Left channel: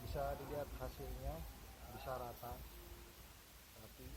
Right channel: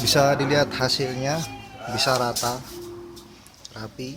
Bisa dilihat hasilnya, bisa rata, rapi.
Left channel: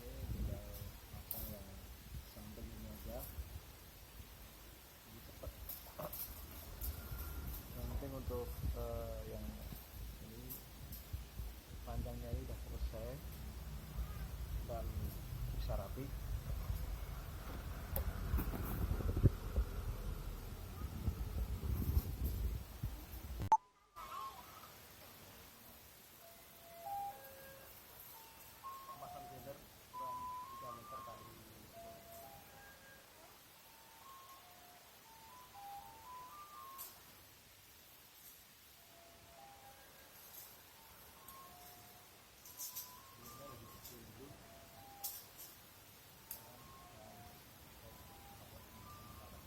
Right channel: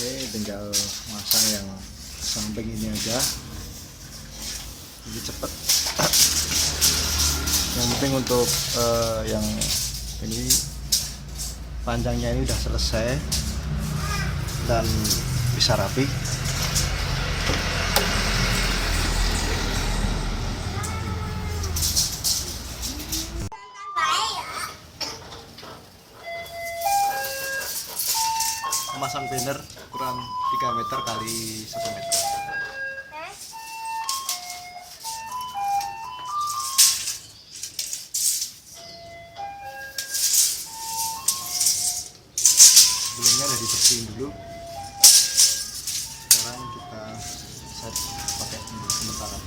Oke, tinggal masang yang samping ini aja, lebih cepat. Yang penting untuk yang ini panjangnya ini udah selesai dan bisa rapi. Memasang banner ukuran 3 meter kali 1 meter. Sebelumnya udah dibersihin dulu. Sekarang kita set pakai untuk sementara.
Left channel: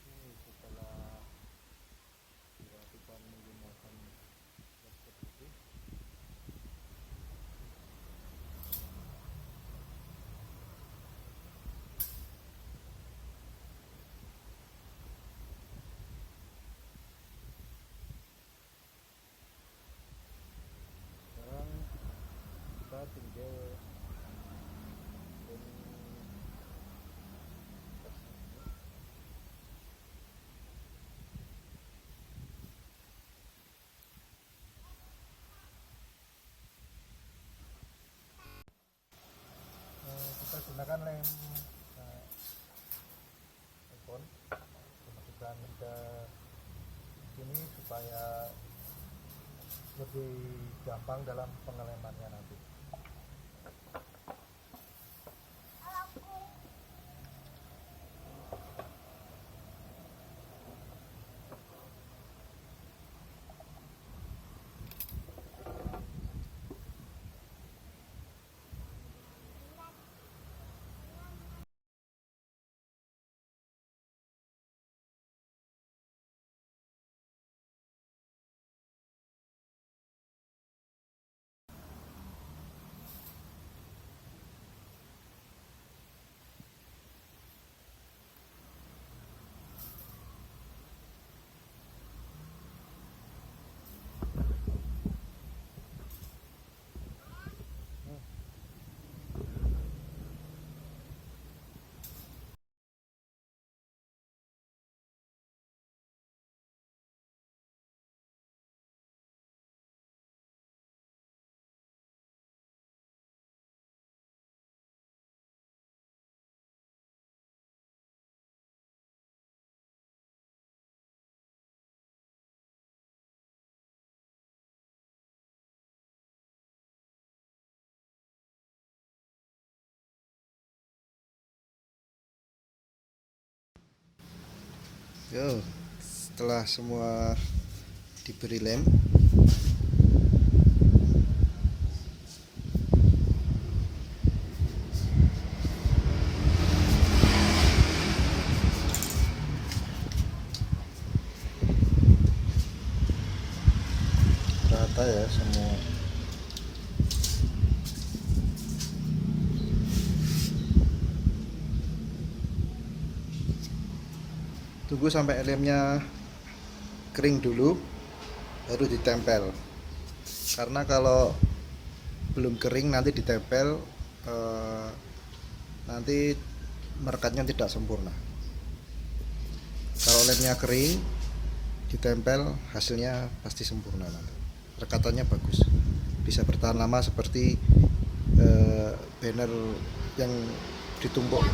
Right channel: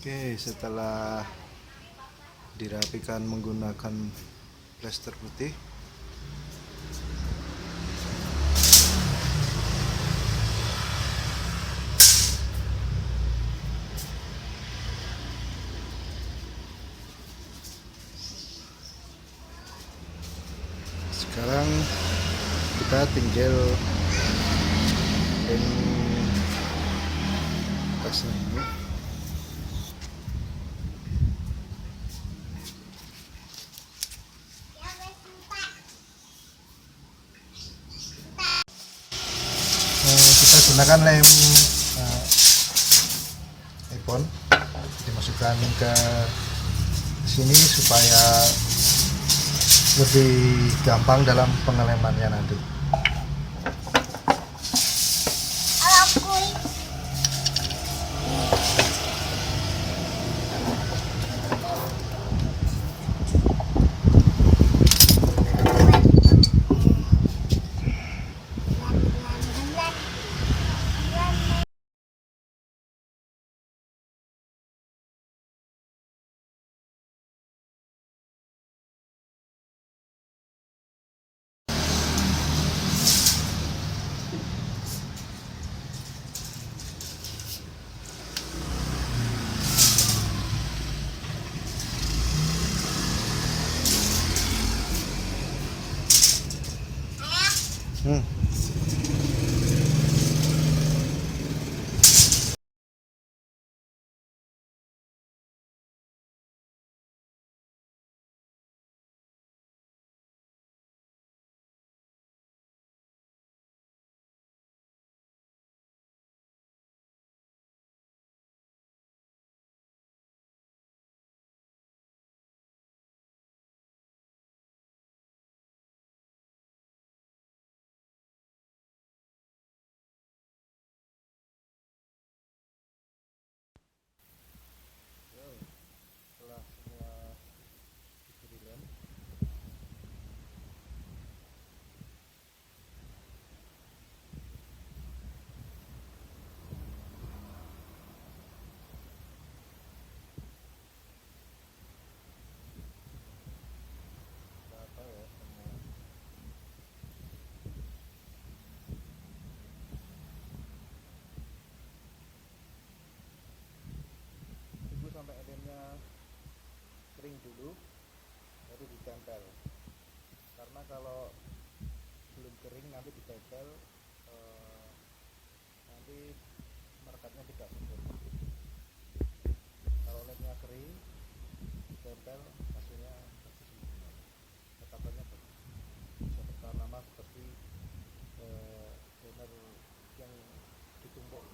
Oke, setelah dirapikan menggunakan plester putih, sekarang kita tinggal ini atasnya ini. Kita gunakan lem iPhone, dimasukkan ke sini supaya lebih gampang dalam pengelemannya nanti. Yo, setelah semua diberi lem, rata ya semua. Tunggu sampai lemnya kering dulu, baru ditempel. Karena kalau belum kering nanti ditempel, eh, nanti merekatnya tidak sempurna. Kalau lemnya kering, ditempel hasilnya pasti sempurna nanti. Rekatannya bagus, bisa bertahan lama seperti banner yang ditumpuk.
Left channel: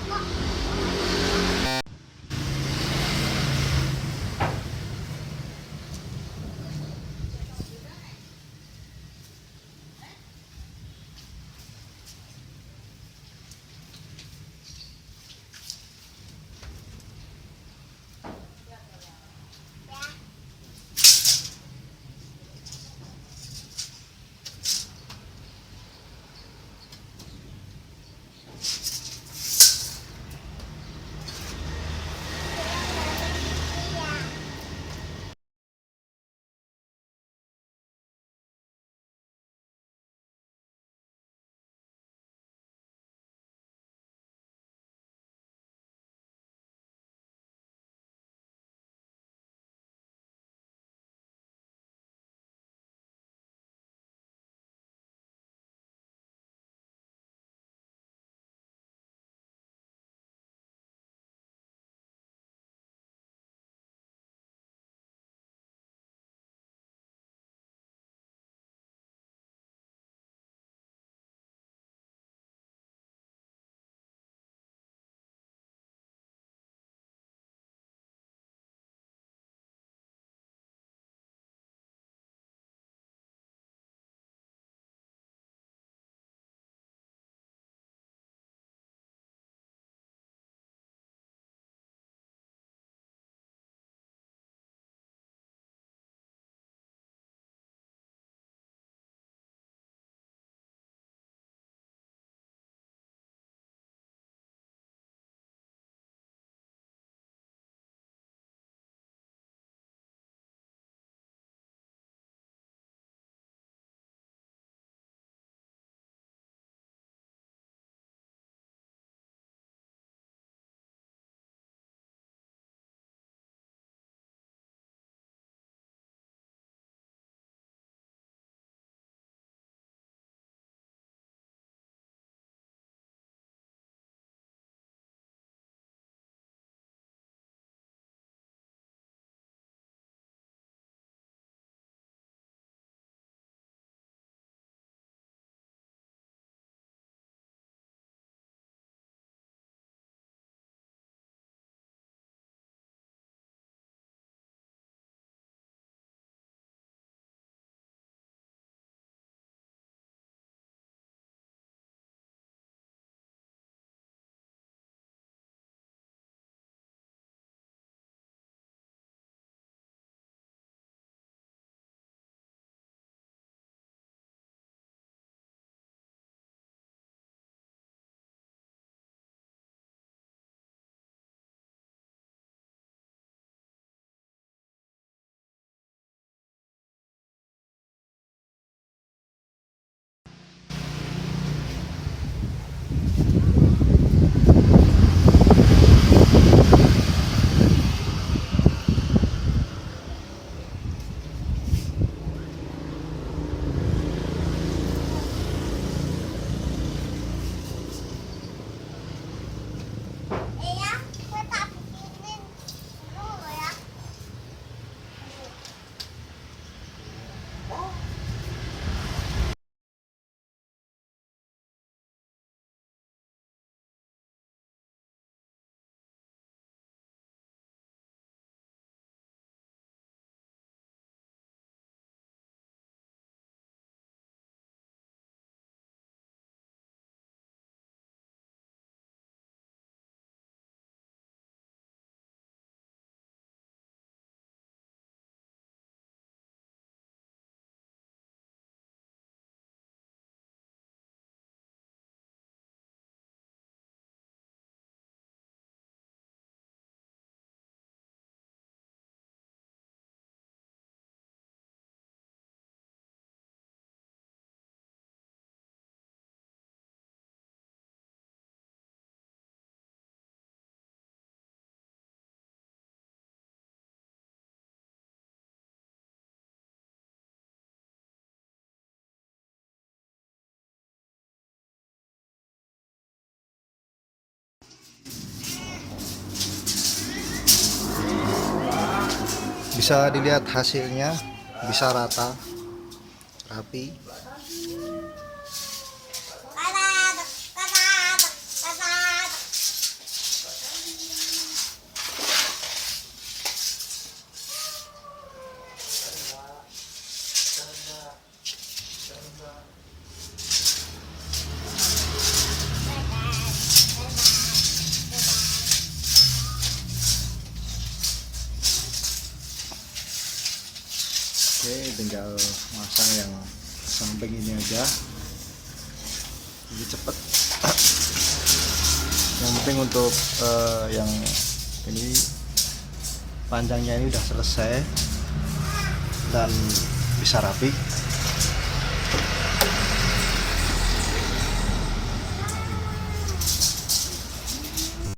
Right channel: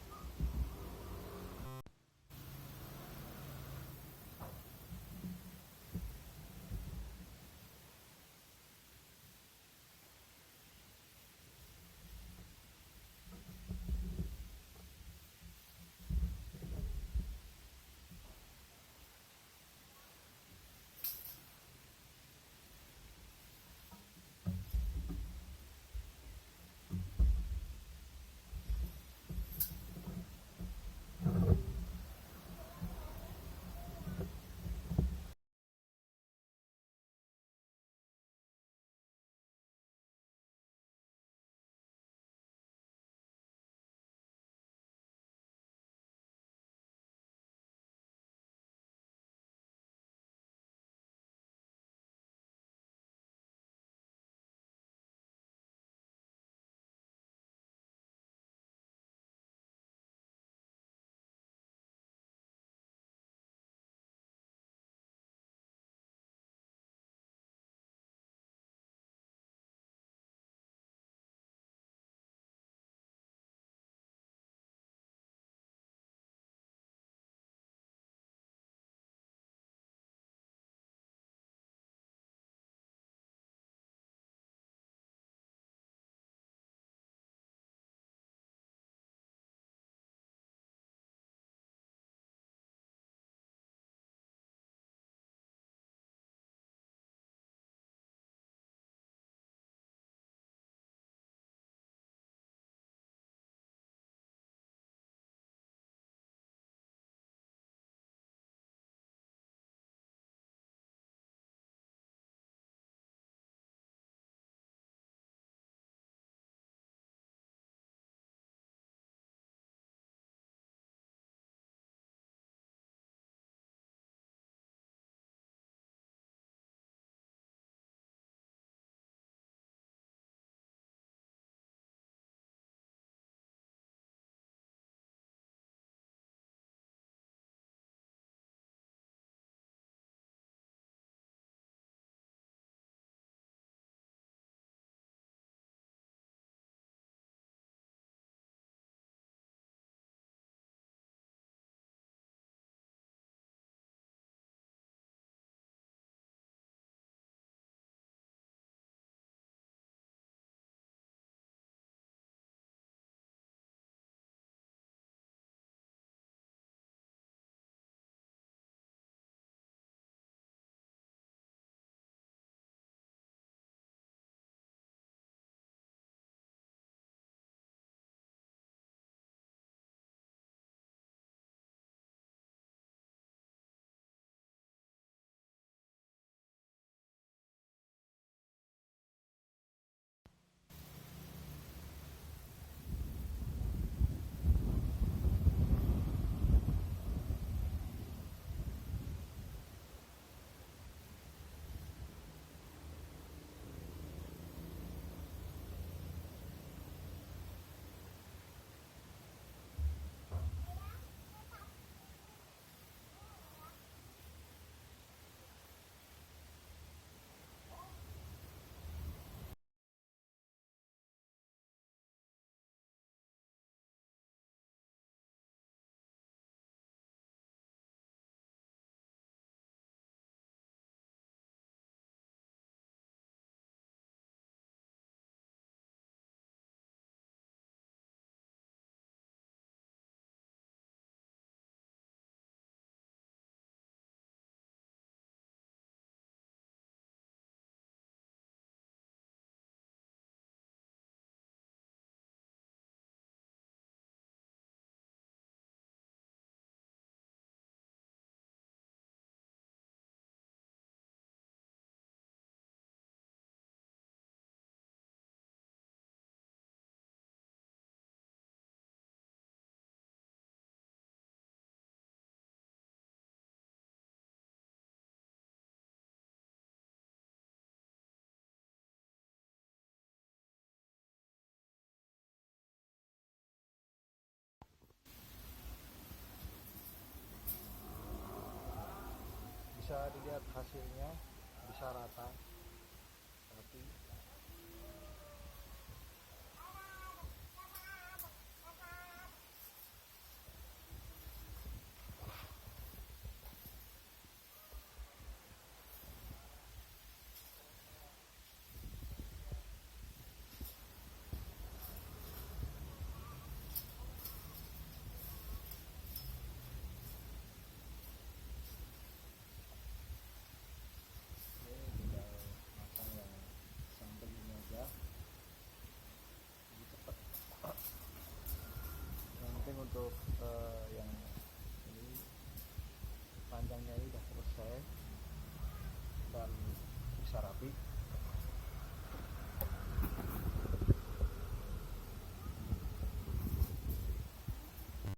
Bisa dilihat hasilnya, bisa rata, rapi. Oke, tinggal masang yang samping ini aja. Ini cepet. Yang penting untuk yang ini panjangnya ini udah selesai dan bisa rapi.